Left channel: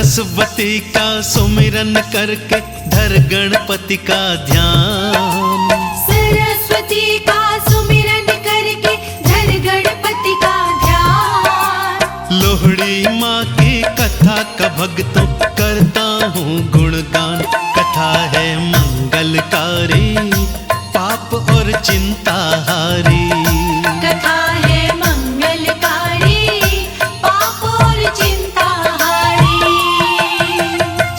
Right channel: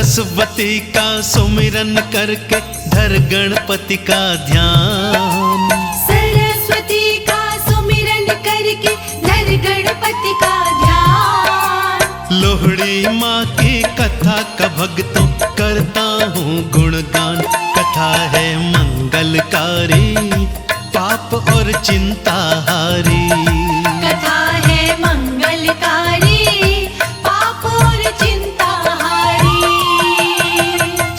सरस्वती का सुमिरन करके धर गणपति का ध्यान। सरस्वती का सुमिरन करके धर गणपति का ध्यान। लोहड़ी माँ की कथा का भक्तों करता हूँ गुणगान। कथा है मंगलकारी, पाप और चिंता हारी। कथा है मंगलकारी, पाप और चिंता हारी।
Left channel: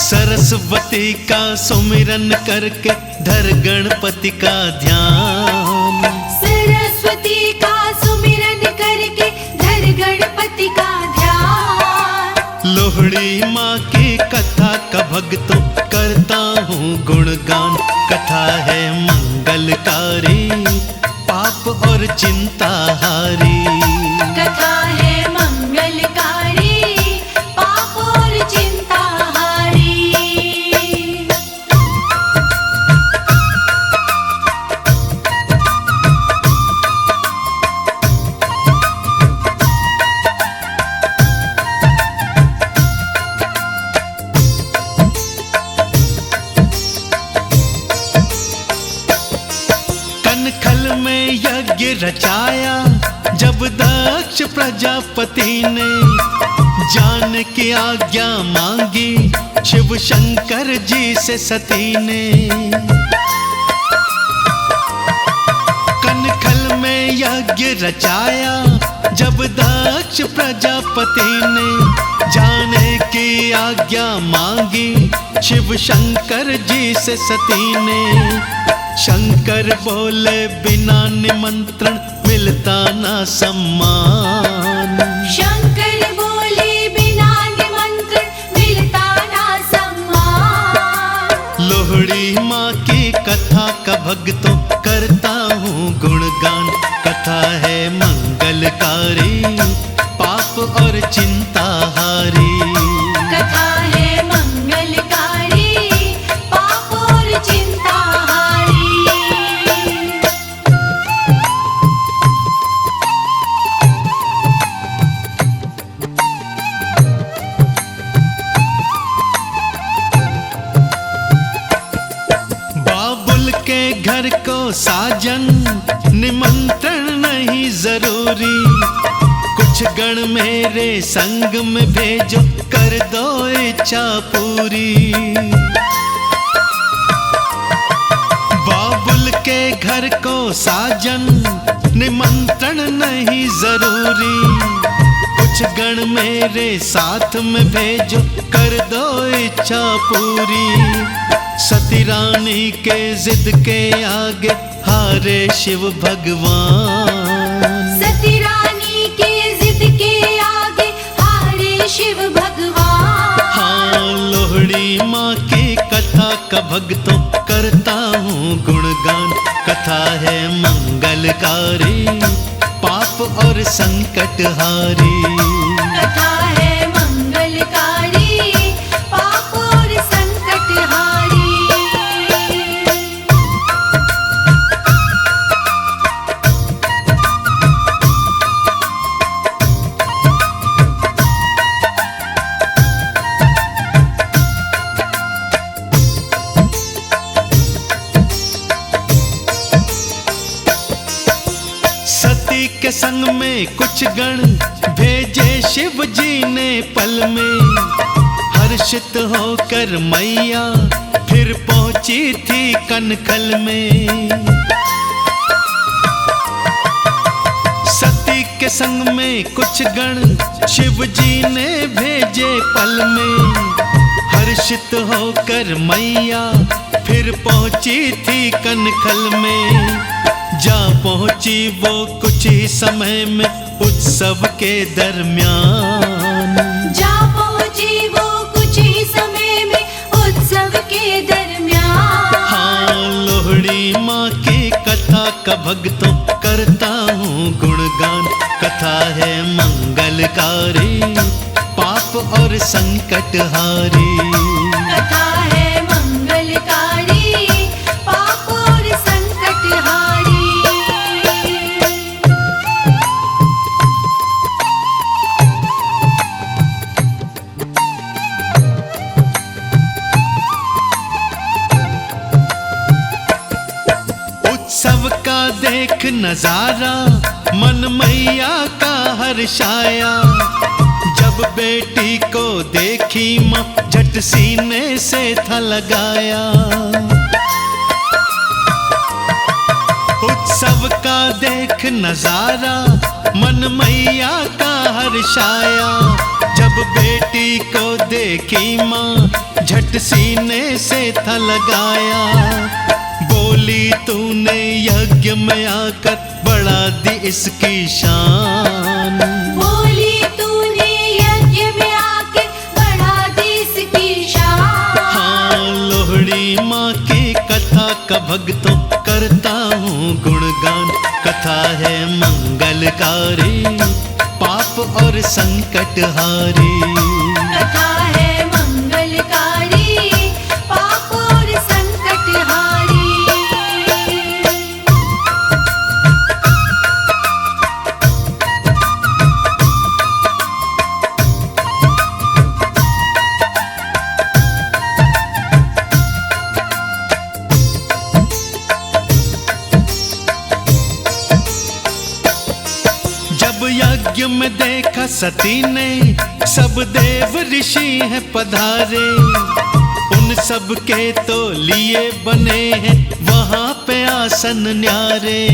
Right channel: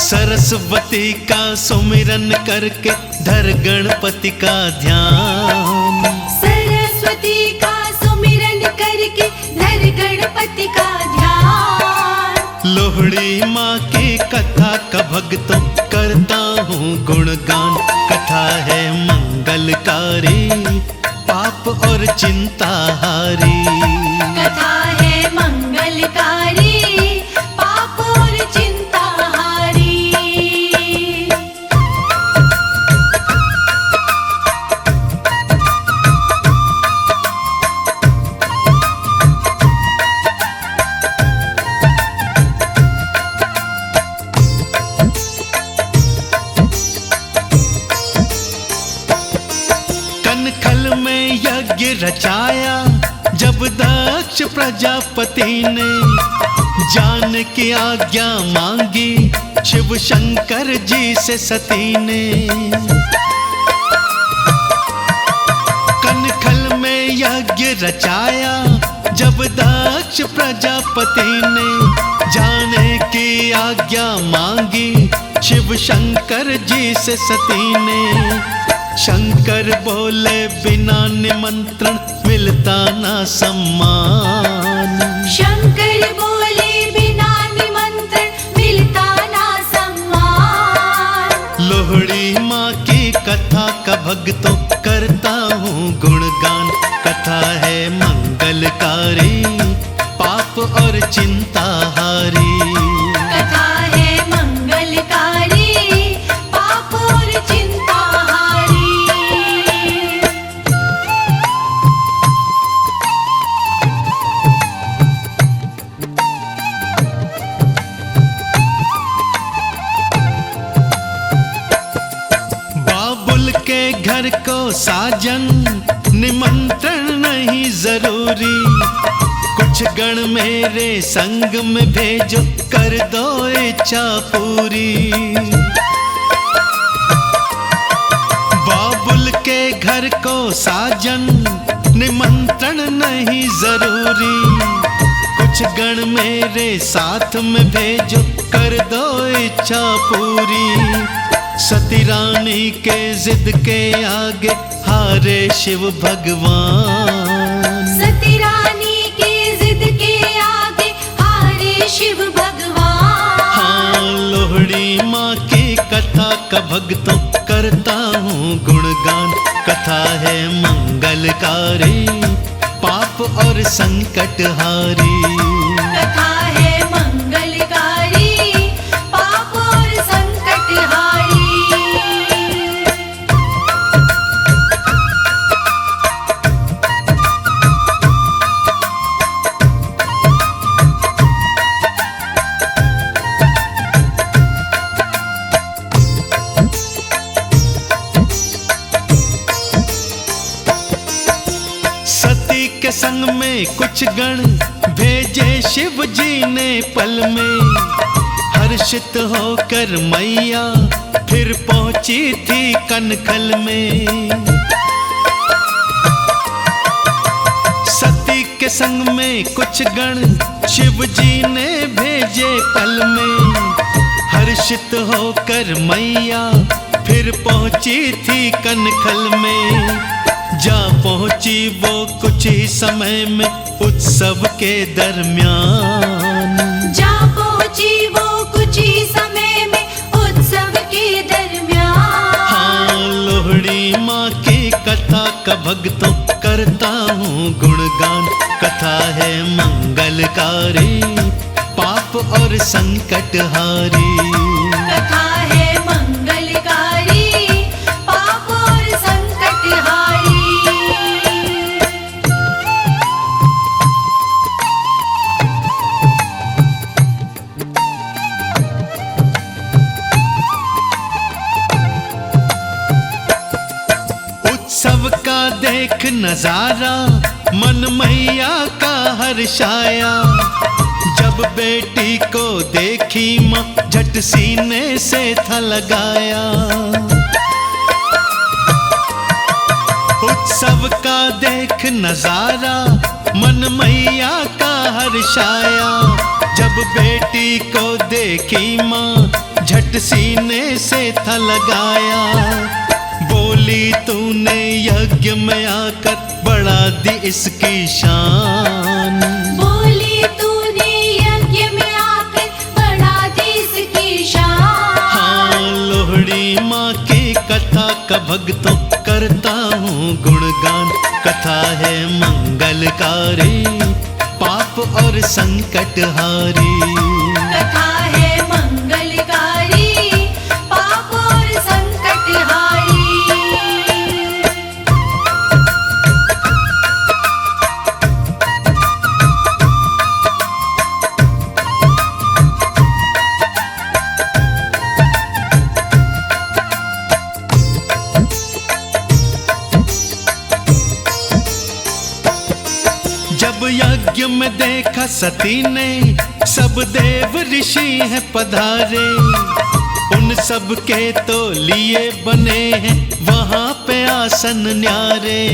सरस्वती का सुमिरन करके धर गणपति का ध्यान। सरस्वती का सुमिरन करके धर गणपति का ध्यान। लोहड़ी माँ की कथा का भक्तों करता हूँ गुणगान। कथा है मंगलकारी, पाप और चिंता हारी। कथा है मंगलकारी, पाप और चिंता हारी। कनखल में यज्ञ रचाया जब दक्ष प्रजापति ने, जान की आज्ञा मांगी शिव शंकर जी से सती ने। कनखल में यज्ञ रचाया जब दक्ष प्रजापति ने, जाने की आज्ञा मांगी शिव शंकर जी से सती ने। शंकर बोले बिना निमंत्रण मिलता ना सम्मान। शंकर बोले बिना निमंत्रण मिलता ना सम्मान। लोहड़ी माँ की कथा का भक्तों करता हूँ गुणगान। कथा है मंगलकारी, पाप और चिंता हारी। कथा है मंगलकारी, पाप और चिंता हारी। बाबुल के घर को साजन निमंत्रण नहीं जरूरी। कुछ गण मेरे संग में भेजो कर दो इच्छा पूरी। बाबुल के घर को साजन निमंत्रण नहीं जरूरी। कुछ गण मेरे साथ में भेजो कर दो इच्छा पूरी। सती रानी के जिद के आगे हारे शिव भगवान। सती रानी के जिद के आगे हारे शिव भगवान। हाँ, लोहड़ी माँ की कथा का भक्तों करता हूँ गुणगान। कथा है मंगलकारी, पाप और संकट हारी। कथा है मंगलकारी, पाप और संकट हारी। सती के संग में कुछ गण भेजे शिव जी ने पल में। हर्षित होकर मैया फिर पहुंची थी कनखल में। सती के संग में कुछ गण शिव जी ने भेजे पल में। हर्षित होकर मैया फिर पहुंची थी कनखल में। जा पहुंची वो कुछ ही समय में उत्सव के दरमियान। जा पहुंची वो कुछ ही समय में उत्सव के दरमियान। हाँ, लोहड़ी माँ की कथा का भक्तों करता हूँ गुणगान। कथा है मंगलकारी, पाप और संकट हारी। कथा है मंगलकारी, पाप और संकट हारी। सबका देख नजारा मन मैया का हर्षाया। जब बेटी को देखी माँ झट सीने से था लगाया। उत्सव का देख नजारा मन मैया का हर्षाया। जब बेटी को देखी माँ झट सीने से था लगाया। बोली तूने यज्ञ में आकर बढ़ा दी इसकी शान। बोली तूने यज्ञ में आके बढ़ा दी इसकी शान। हाँ, लोहड़ी माँ की कथा का भक्तों करता हूँ गुणगान। कथा है मंगलकारी, पाप और संकट हारी। कथा है मंगलकारी, पाप और संकट हारी। जब यज्ञ में देखा सती ने सब देव ऋषि हैं पधारे। उन सब के तो लिए बने हैं वहां पे आसन न्यारे।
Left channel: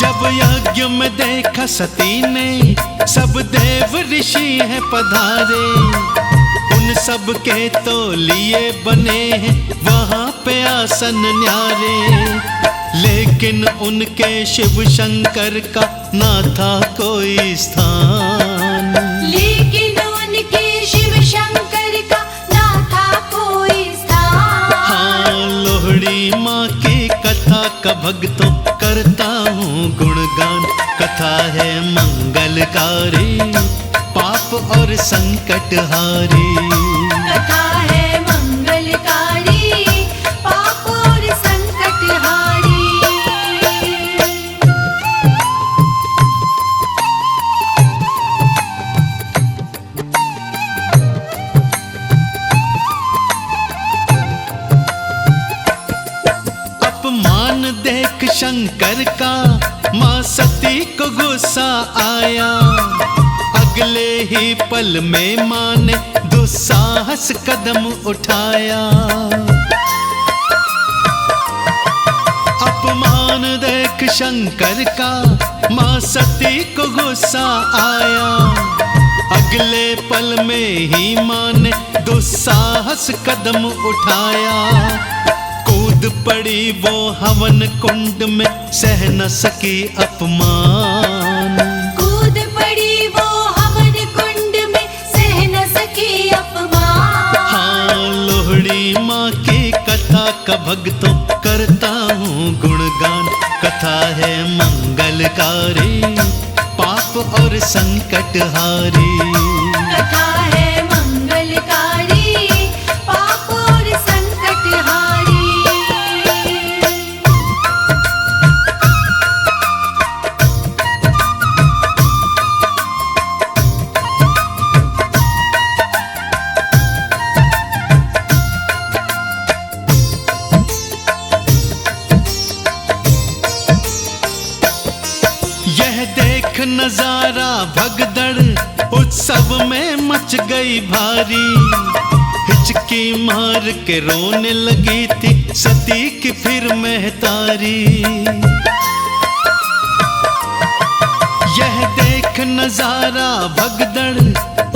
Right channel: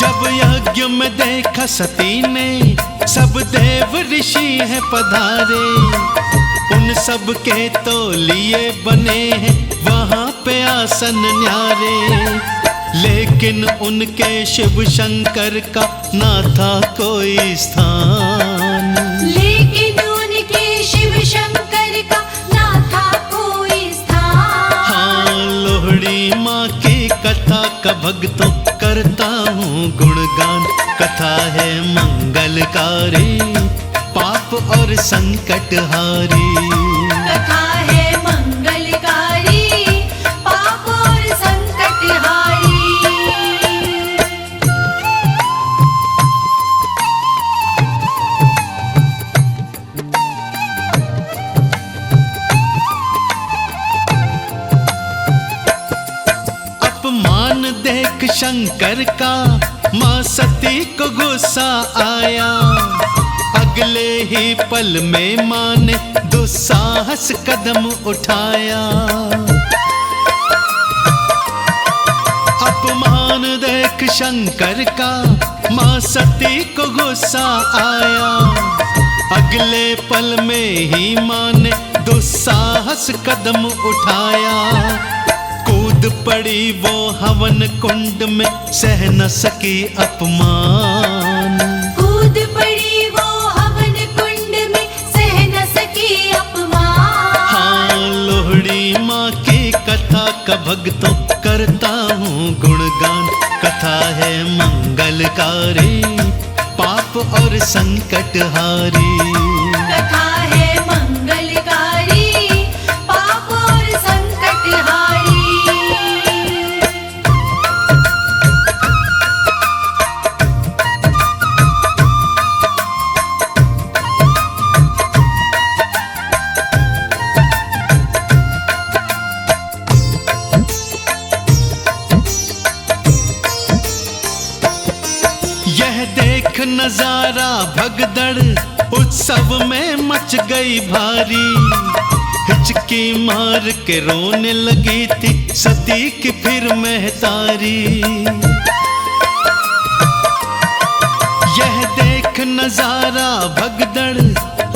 जब यज्ञ में देखा सती ने सब देव ऋषि हैं पधारे। उन सब के तो लिए बने हैं वहां पे आसन न्यारे। लेकिन उनके शिव शंकर का ना था कोई स्थान। लेकिन उनके शिव शंकर का ना था कोई स्थान। हाँ, लोहड़ी माँ की कथा का भक्तों करता हूँ गुणगान। कथा है मंगलकारी, पाप और संकट हारी। कथा है मंगलकारी, पाप और संकट हारी। अपमान देख शंकर का माँ सती को गुस्सा आया। अगले ही पल में माँ ने दुस्साहस कदम उठाया। अपमान देख शंकर का माँ सती को गुस्सा आया। अगले पल में ही माँ ने दुस्साहस कदम उठाया। कूद पड़ी वो हवन कुंड में सह न सकी अपमान। कूद पड़ी वो हवन कुंड में सह न सकी अपमान। हाँ, लोहड़ी माँ की कथा का भक्तों करता हूँ गुणगान। कथा है मंगलकारी, पाप और संकट हारी। कथा है मंगलकारी, पाप और संकट हारी। यह देख नजारा भगदड़ उत्सव में मच गई भारी। हिचकी मार के रोने लगी थी सती की फिर महतारी। यह देख नजारा भगदड़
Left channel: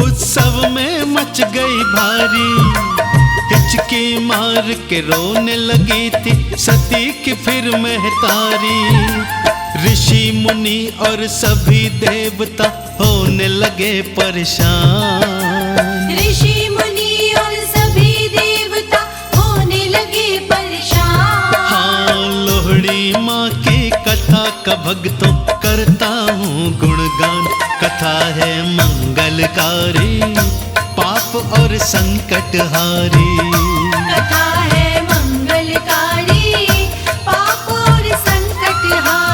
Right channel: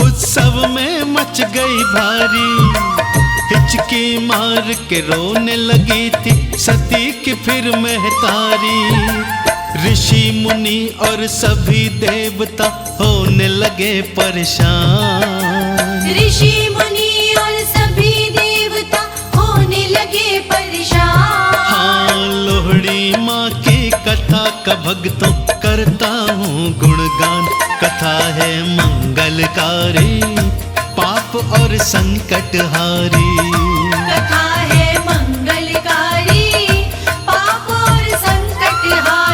उत्सव में मच गई भारी। हिचकी मार के रोने लगी थी सती की फिर महतारी। ऋषि मुनि और सभी देवता होने लगे परेशान। ऋषि मुनि और सभी देवता होने लगे परेशान। हाँ, लोहड़ी माँ की कथा का भक्तों करता हूँ गुणगान। कथा है मंगलकारी, पाप और संकट हारी। कथा है मंगलकारी, पाप और संकट हारी।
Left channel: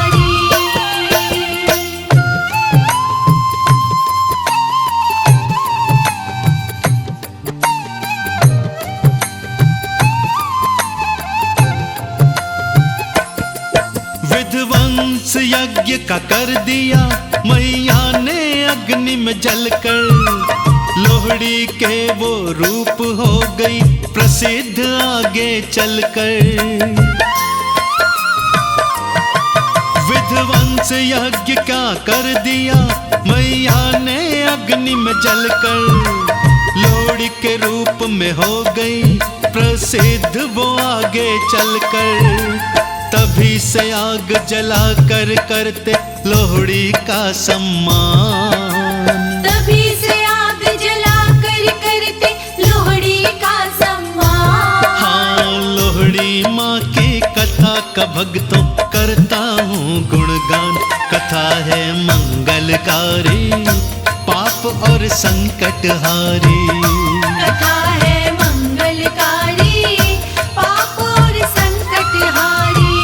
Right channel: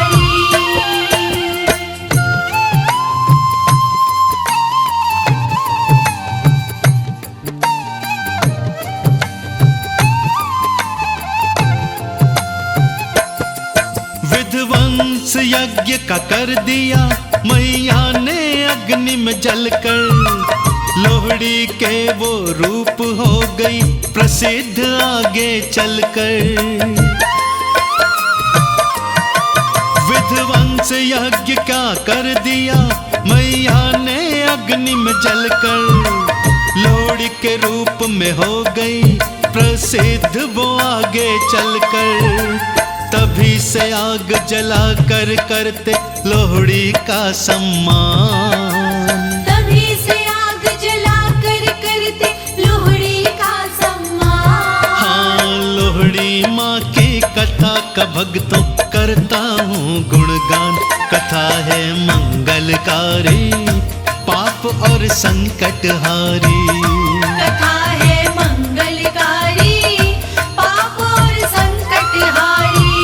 यज्ञ का कर दिया मैया ने अग्नि में जलकर, लोहड़ी के वो रूप हो गई प्रसिद्ध आगे चलकर। विध्वंस यज्ञ का कर दिया मैया ने अग्नि में जलकर, लोहड़ी के रूप में हो गई प्रसिद्ध वो आगे चलकर। तभी से आग जला कर करते लोहड़ी का सम्मान, तभी से आग जला कर करते लोहड़ी का सम्मान। हाँ, लोहड़ी माँ की कथा का भक्तों करता हूँ गुणगान। कथा है मंगलकारी, पाप और संकट हारी। कथा है मंगलकारी, पाप और संकट हारी।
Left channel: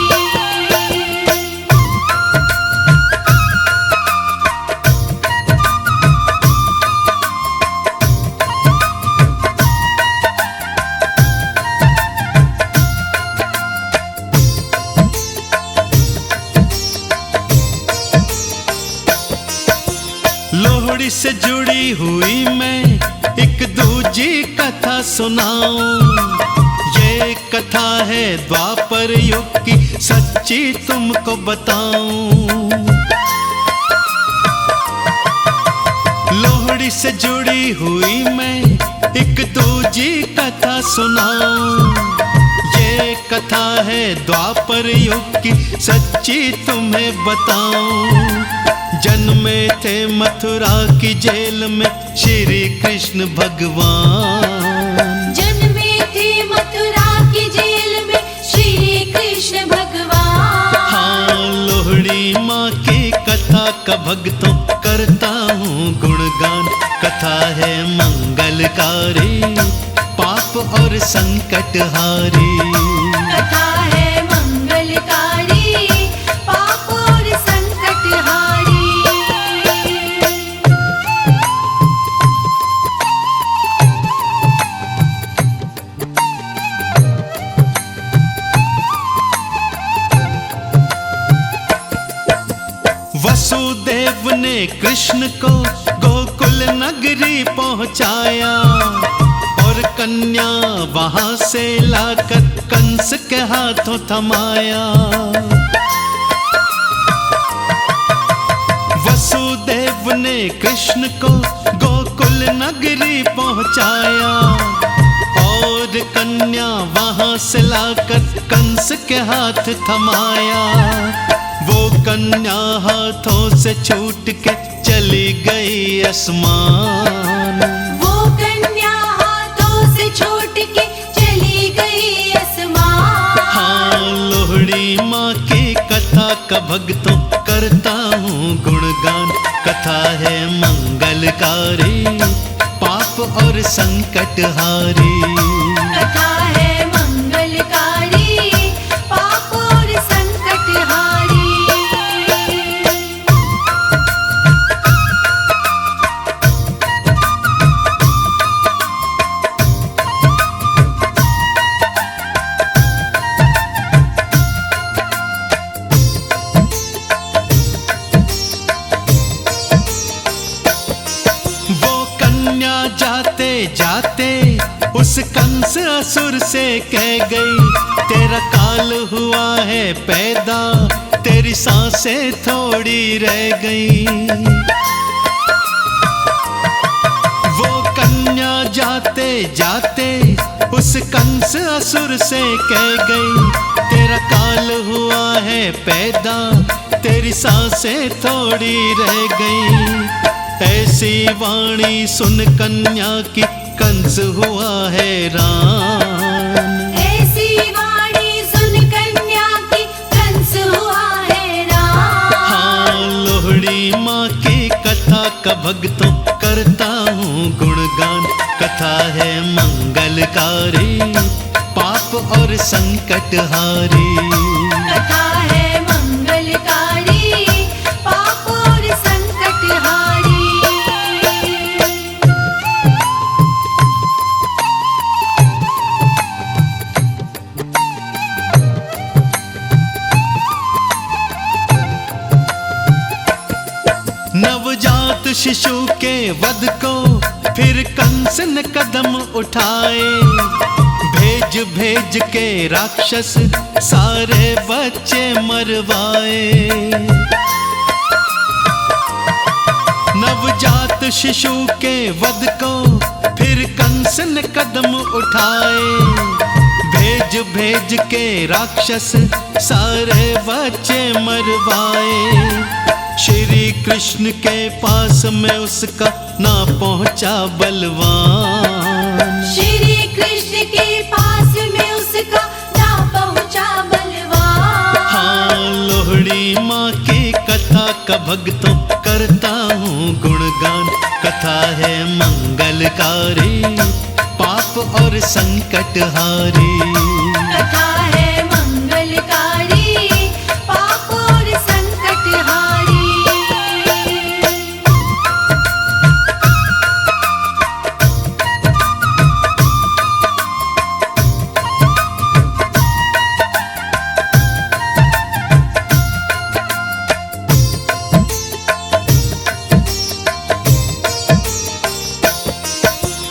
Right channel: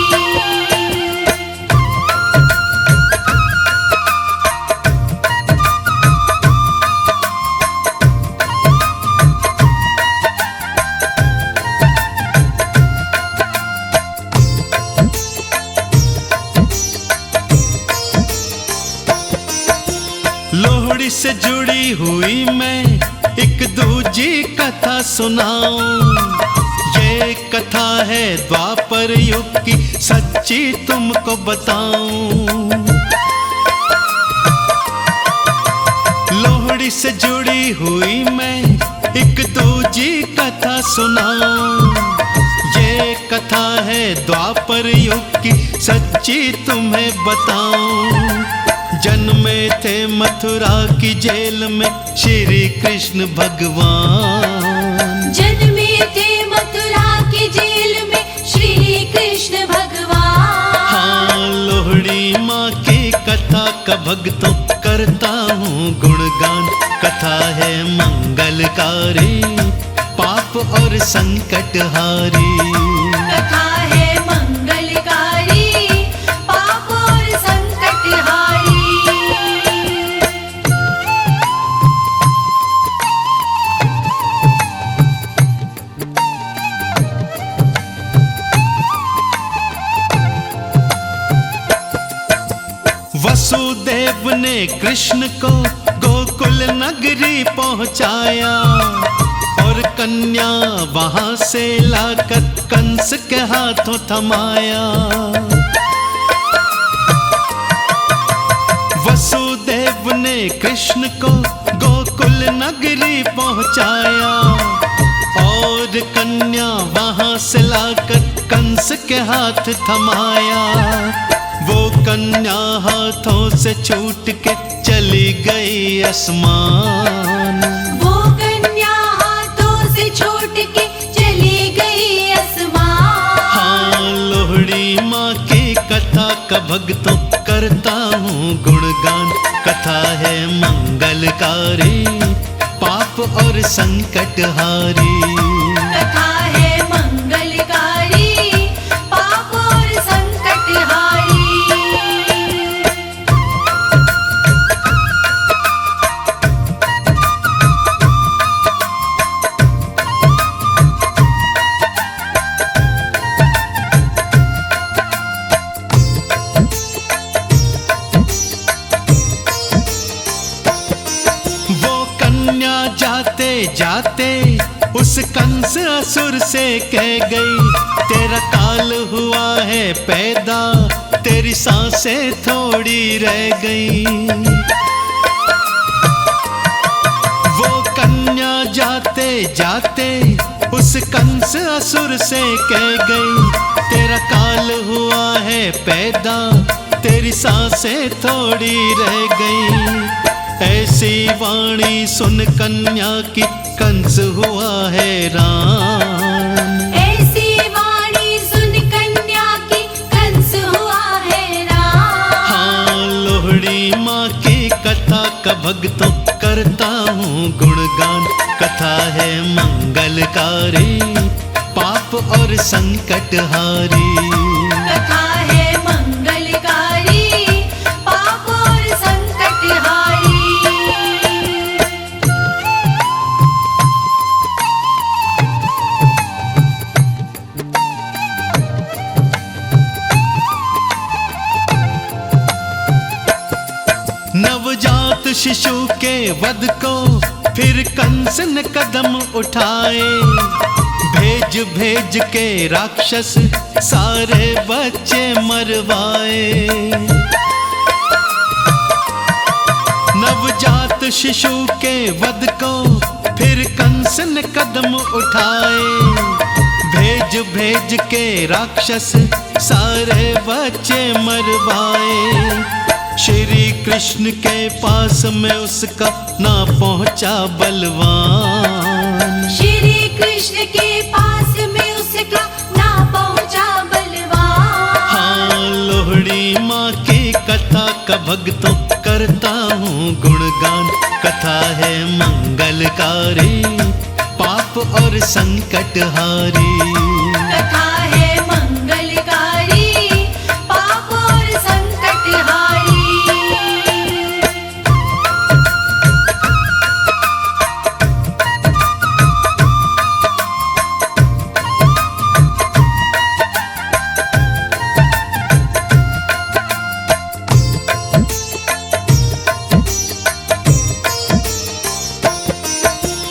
लोहड़ी से जुड़ी हुई मैं एक दूजी कथा सुनाऊं। ये कथा है द्वापर युग की, सच्ची तुमको बताऊं। लोहड़ी से जुड़ी हुई मैं एक दूजी कथा सुनाऊं। ये कथा है द्वापर युग की, सच्ची तुम्हें बताऊं। जन्मे थे मथुरा की जेल में श्री कृष्ण भगवान, जन्मे थे मथुरा की जेल में श्री कृष्ण भगवान। हाँ, लोहड़ी माँ की कथा का भक्तों करता हूँ गुणगान। कथा है मंगलकारी, पाप और संकट हारी। कथा है मंगलकारी, पाप और संकट हारी। वसुदेव ने कृष्ण को गोकुल नगरी पहुंचाया, और कन्या वहां से लाकर कंस के हाथों थमाया। वसुदेव ने कृष्ण को गोकुल नगरी पहुंचाया, और कन्या वहां से लाकर कंस के हाथ थमाया। वो कन्या हाथों से छूट के चली गई आसमान, वो कन्या हाथों से छूट के चली गई आसमान। हाँ, लोहड़ी माँ की कथा का भक्तों करता हूँ गुणगान। कथा है मंगलकारी, पाप और संकट हारी। कथा है मंगलकारी, पाप और संकट हारी। जाते जाते उस कंस असुर से कह गई, तेरा काल हुआ है पैदा, तेरी सांसें थोड़ी रह गई। वो कन्या जाते जाते उस कंस असुर से कह गई, तेरा काल हुआ है पैदा, तेरी सांसें थोड़ी रह गई। ऐसी वाणी सुन कन्या की कंस हुआ हैरान, ऐसी वाणी सुन कन्या की कंस हुआ हैरान। हाँ, लोहड़ी माँ की कथा का भक्तों करता हूँ गुणगान। कथा है मंगलकारी, पाप और संकट हारी। कथा है मंगलकारी, पाप और संकट हारी। शिशु के वध को फिर कंस ने कदम उठाए। भेज भेज के राक्षस सारे बच्चे मरवाए। नवजात शिशु के वध को फिर कंस ने कदम उठाए। भेज भेज के राक्षस सारे बच्चे मरवाए। श्री कृष्ण के पास में उसका ना पहुंचा बलवान। श्री कृष्ण के पास में उसका ना पहुंचा बलवान। हाँ, लोहड़ी माँ की कथा का भक्तों करता हूँ गुणगान। कथा है मंगलकारी, पाप और संकट हारी। कथा है मंगलकारी, पाप और संकट हारी।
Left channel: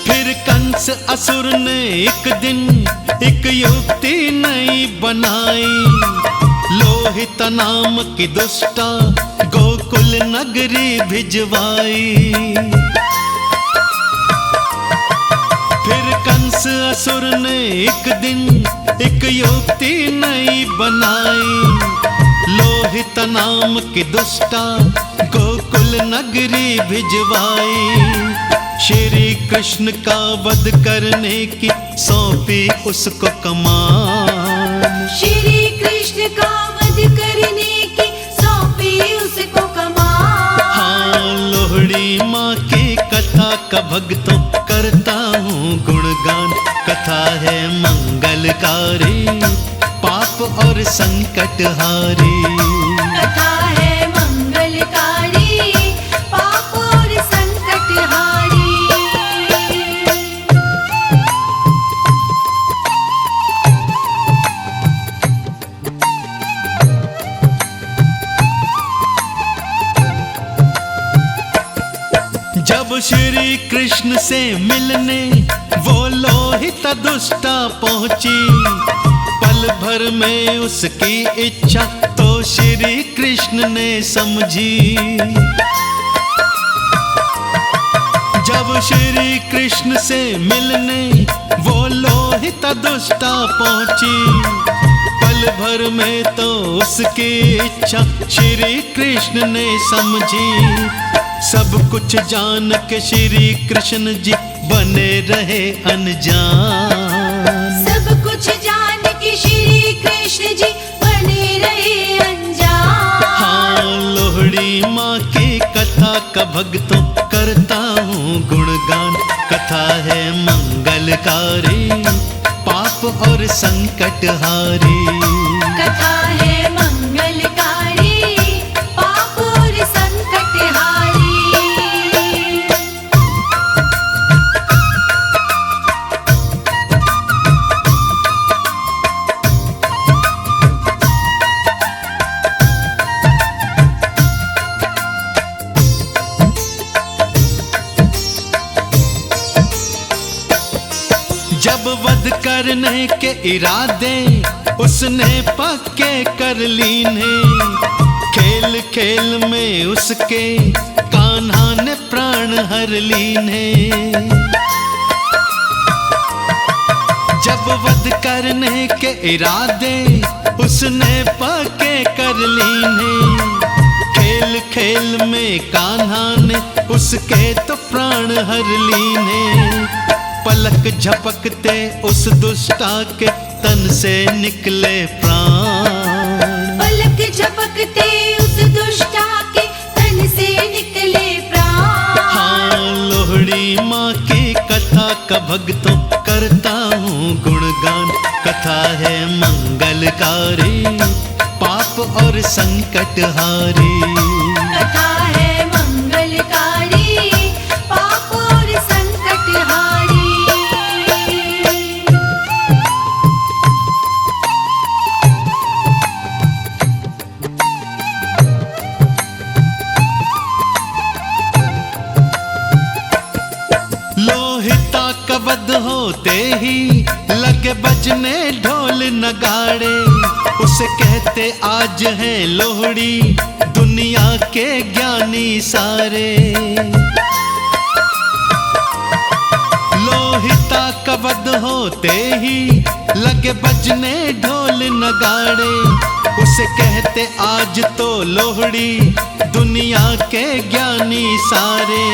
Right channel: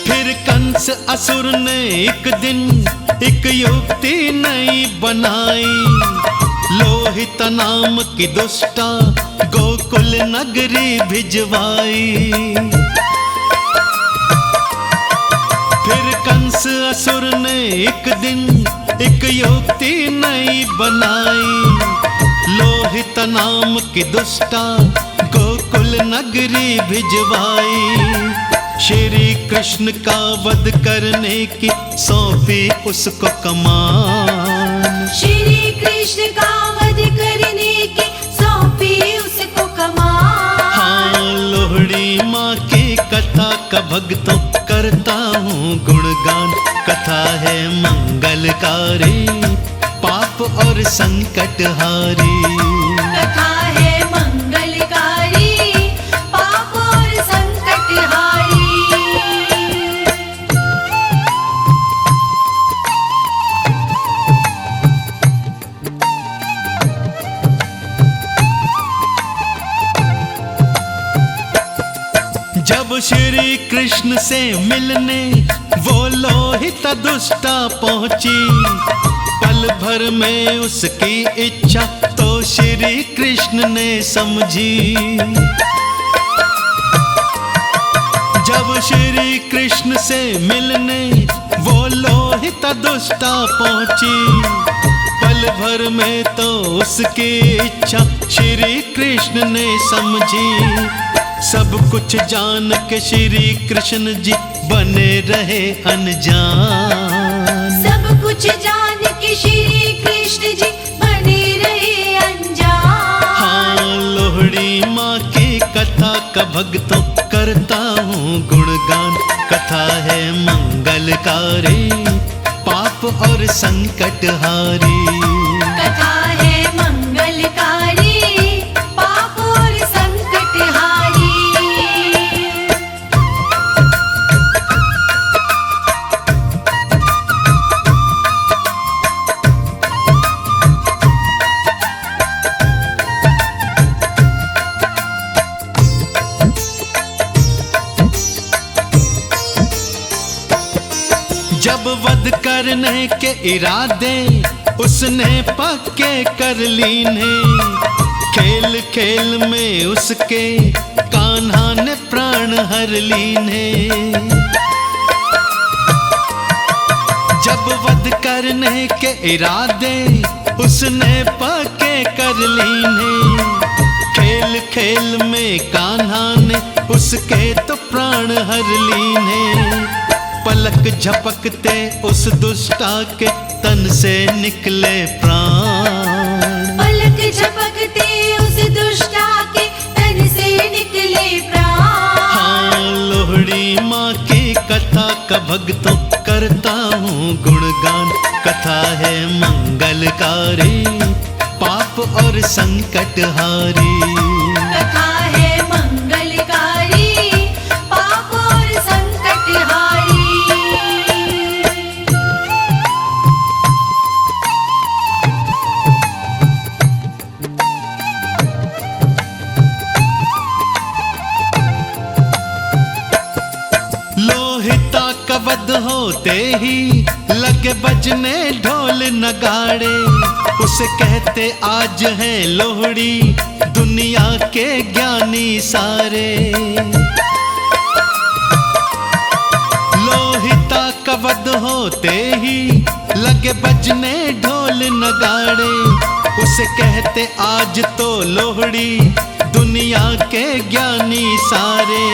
फिर कंस असुर ने एक दिन एक युक्ति नई बनाई। लोहित नाम की दुष्टा गोकुल नगरी भिजवाई। फिर कंस असुर ने एक दिन एक युक्ति नई बनाई। लोहित नाम की दुष्टा गोकुल नगरी भिजवाई। श्री कृष्ण का वध करने की सौंपी उसको कमान। श्री कृष्ण का वध करने की सौंपी उसको कमान। हाँ, लोहड़ी माँ की कथा का भक्तों करता हूँ गुणगान। कथा है मंगलकारी, पाप और संकट हारी। कथा है मंगलकारी, पाप और संकट हारी। जब श्री कृष्ण से मिलने वो लोहित दुष्टा पहुंची। पल भर में उसकी इच्छा तो श्री कृष्ण ने समझी। जब श्री कृष्ण से मिलने वो लोहित दुष्टा पहुंची। पल भर में तो उसकी इच्छा श्री कृष्ण ने समझी। सब कुछ जान के श्री कृष्ण जी बने रहे अनजान। सब कुछ जान के श्री कृष्ण जी बने रहे अनजान। हाँ, लोहड़ी माँ की कथा का भक्तों करता हूँ गुणगान। कथा है मंगलकारी, पाप और संकट हारी। कथा है मंगलकारी, पाप और संकट हारी। जब वध करने के इरादे उसने पक्के कर लीने। खेल खेल में उसके कान्हा ने प्राण हर लीने। जब वध करने के इरादे उसने पक्के कर लीने। खेल खेल में कान्हा ने उसके तो प्राण हर लीने। पलक झपकते उस दुष्टा के तन से निकले प्राण। पलक झपकते उस दुष्टा के तन से निकले प्राण। हाँ, लोहड़ी माँ की कथा का भक्तों करता हूँ गुणगान। कथा है मंगलकारी, पाप और संकट हारी। कथा है मंगलकारी, पाप और संकट हारी। वध होते ही लगे बजने ढोल नगाड़े। उसे कहते आज है लोहड़ी दुनिया के ज्ञानी सारे। लोहिता का वध होते ही लगे बजने ढोल नगाड़े। उसे कहते आज तो लोहड़ी दुनिया के ज्ञानी सारे।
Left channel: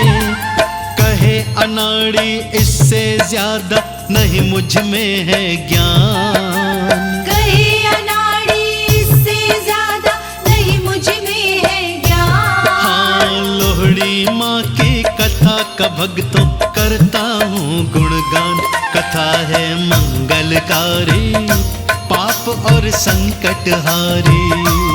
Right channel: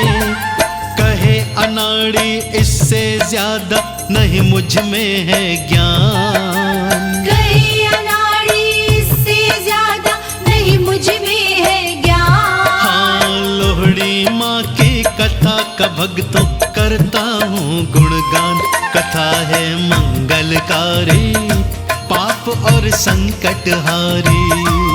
कहे अनाड़ी इससे ज्यादा नहीं मुझ में है ज्ञान। कहे अनाड़ी इससे ज्यादा नहीं मुझ में है ज्ञान। हाँ, लोहड़ी माँ की कथा का भक्तों करता हूँ गुणगान। कथा है मंगलकारी पाप और संकट हारी।